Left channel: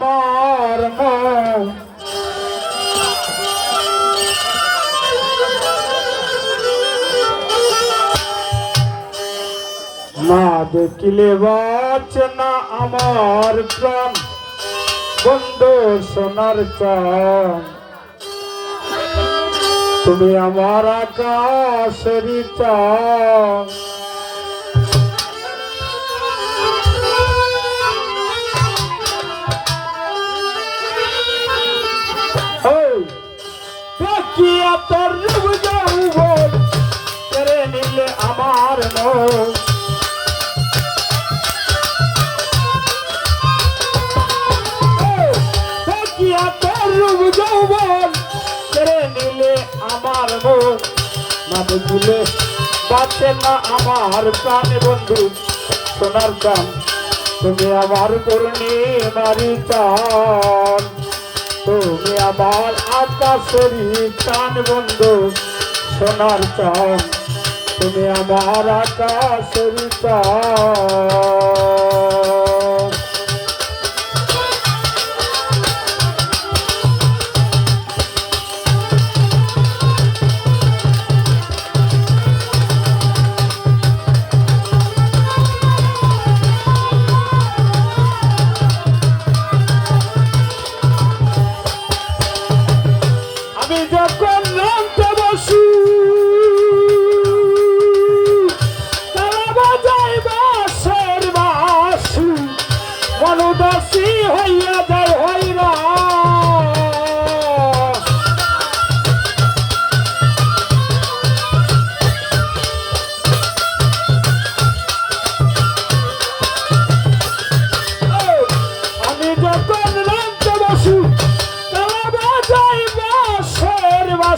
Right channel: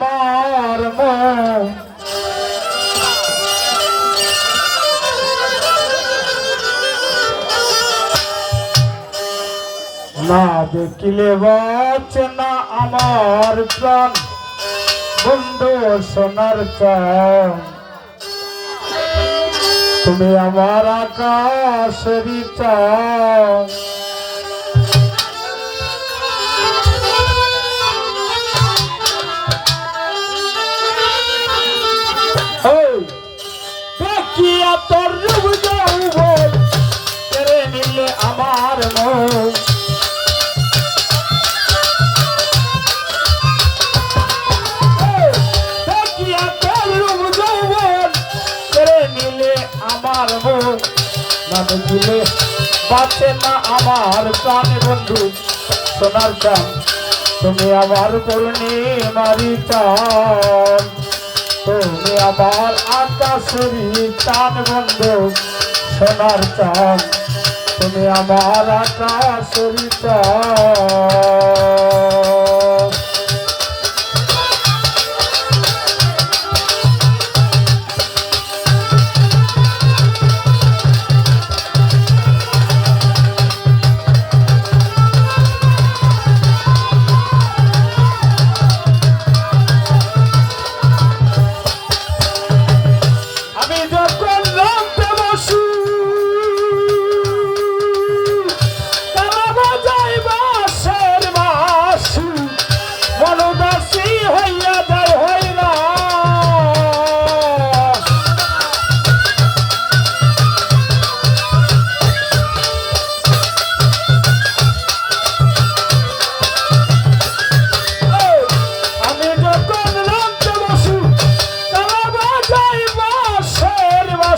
আমার মন না দেখিলে বাঁচে না আমার প্রাণ। বন্ধু সোনার চান তুমি আমার আকাশেরই চান তোর রূপ নিলে আমার মন। আমার মন। না দেখিলে বাঁচে না আমার প্রাণ বন্ধু। সোনার চান তুমি আমার পূর্ণিমারি তুমি আবার আকাশেরই চান বন্ধ সোনার চাঁদ। তুমি আমার আকাশেরই চান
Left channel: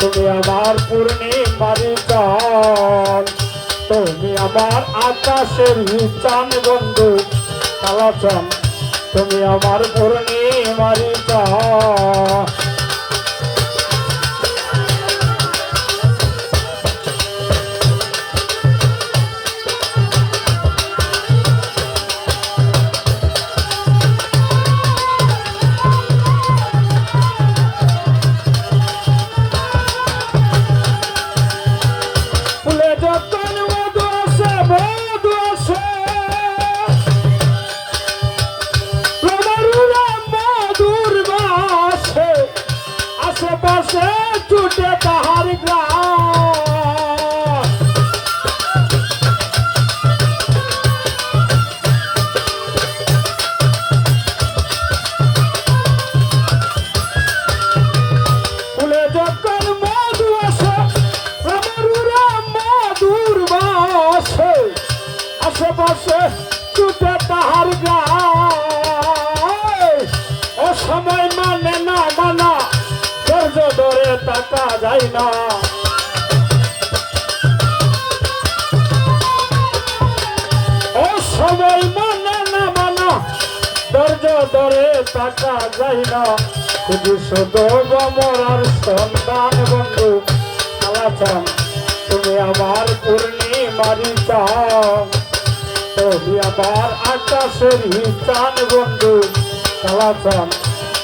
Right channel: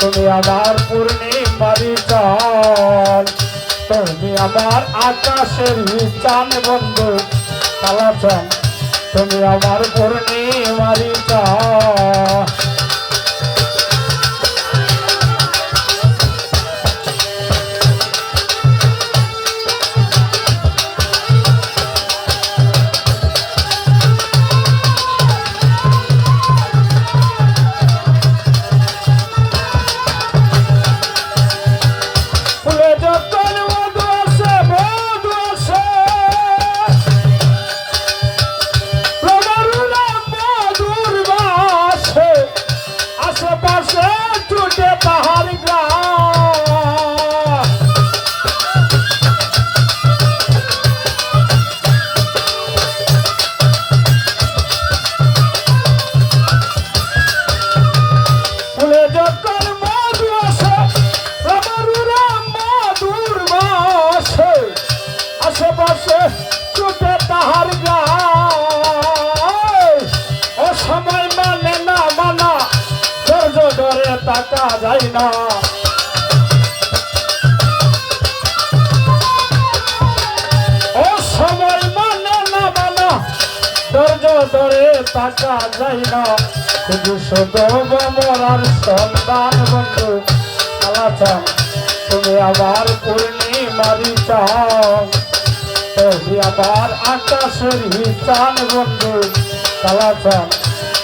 তুমি আমার পূর্ণিমারি চান তুমি আমার আকাশের চান বন্ধু কালাচান। তুমি আমার পূর্ণিমারি চান আশেপাশে ছুটে তাহার গায়। ও সময় মানে না মানা, ধৈর্য ধরে তাকা যায় না। ও সময় মানে না মানা, ধৈর্য ধরে তাকা যায় তুমি আবার পূর্ণিমারি চাও তুমি আবার আকাশের চান বন্ধু। কালাচান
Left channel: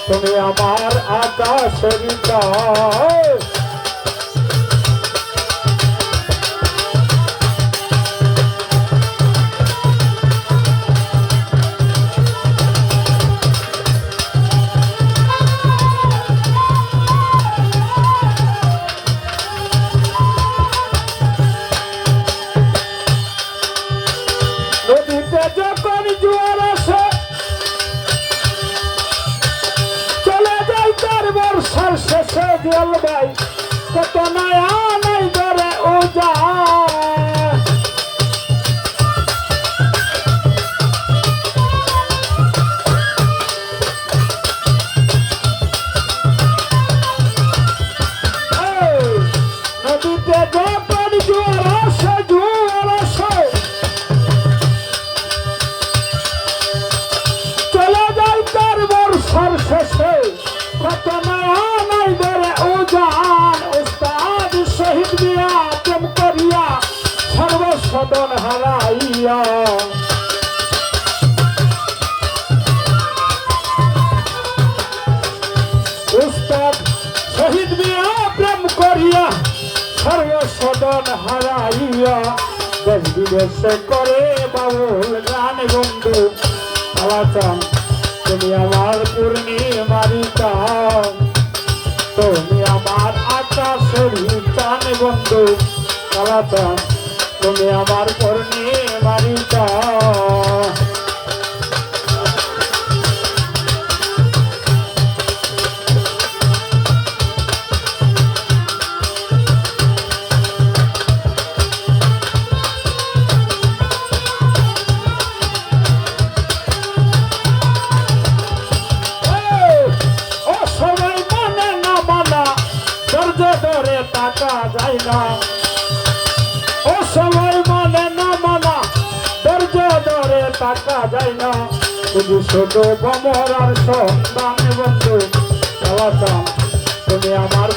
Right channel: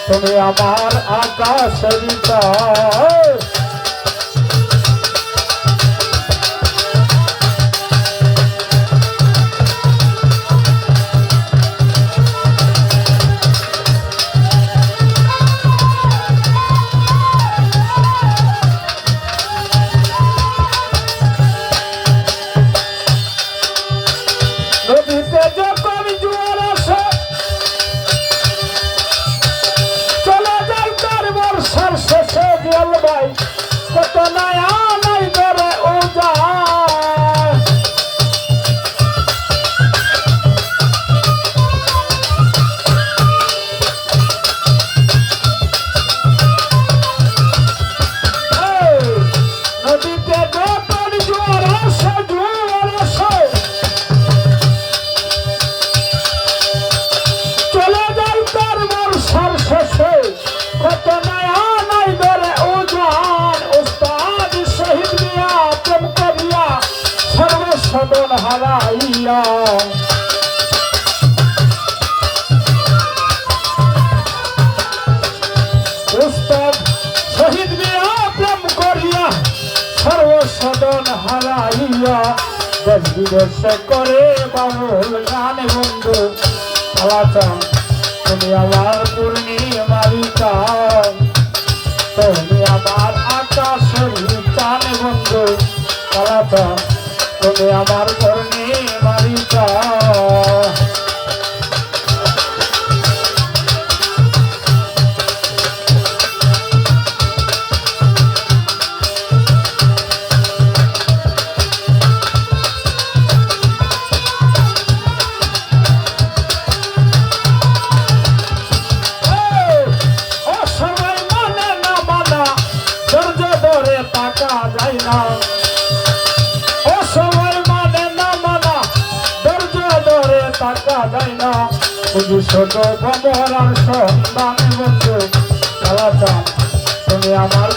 তুমি আমার আকাশের চাও কত নয়া নাই ধরে ও যা সদন হারাইয়া। উস্তাদ শহীদ মিয়া প্রেম করিয়া সর্বসদন হারাইয়া। দেশ বিদেশে করে বাবুল গান বন্ধু। কালাচান তুমি আমার পূর্ণিমারিকা তুমি আমার আকাশের চান বন্ধু। কালাচান তুমি আমার পূর্ণিমারিকা ও সবাই যায় না। শুধু ছোট বমরার সন্তান বন্ধু চালাতাম। তুমি আমার